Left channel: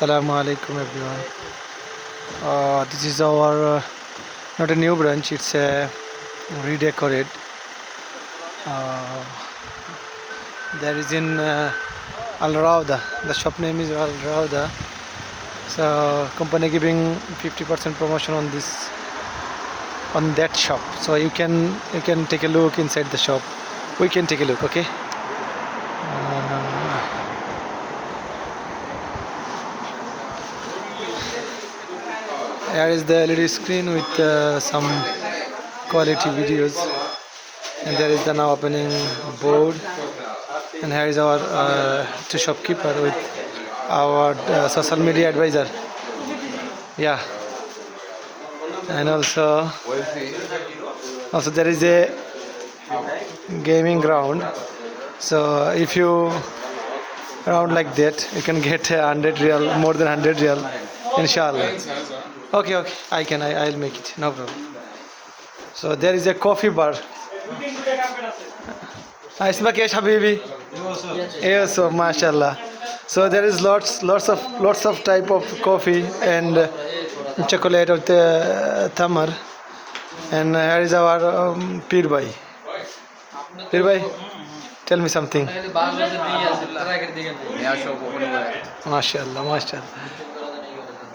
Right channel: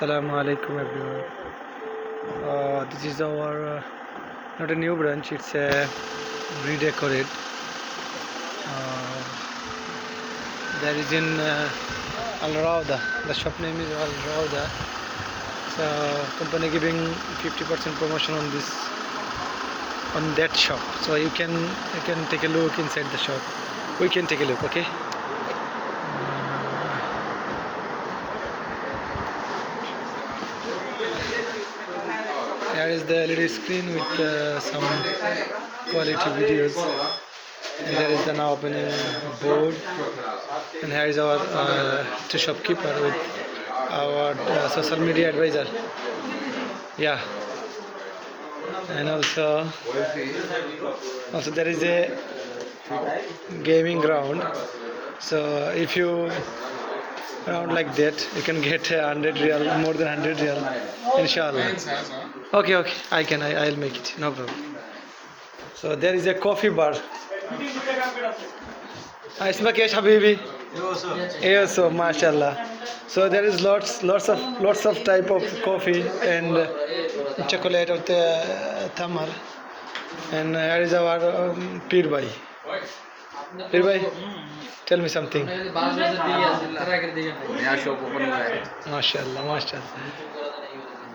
Assalamu alaikum everyone. This is our not a new branch, it's a redecorate. Uh, there is in Al Rauda. The shop name is Al Rauda. So company giving 50% promotion on this on that shop. So you can take a look inside the shop. We can take a look, okay? Here is the LED screen with some quality videos, and there is the now opening board, and here is our two shopkeeper with our social media advisor. Yeah, and also there is a gaming ground. So if you round like that, you can get 100 real, more than 100 real, inshallah. Okay, I'll make it, no problem. So there is a coffee bar. اسمك ايش حبيبي؟ يوسف ما شاء الله. So there is lots of type of coffee and chocolate or tamar. And here is our Pir Bhai. Pir Bhai, tell me something. माशाल्लाह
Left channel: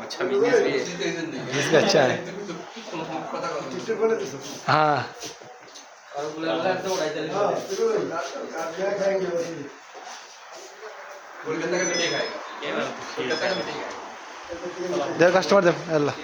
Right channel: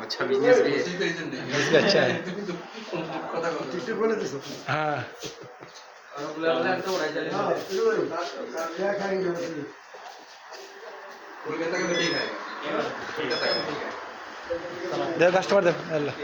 अच्छा business भी है। इसका अच्छा है। हाँ दे customer दे अल्लाह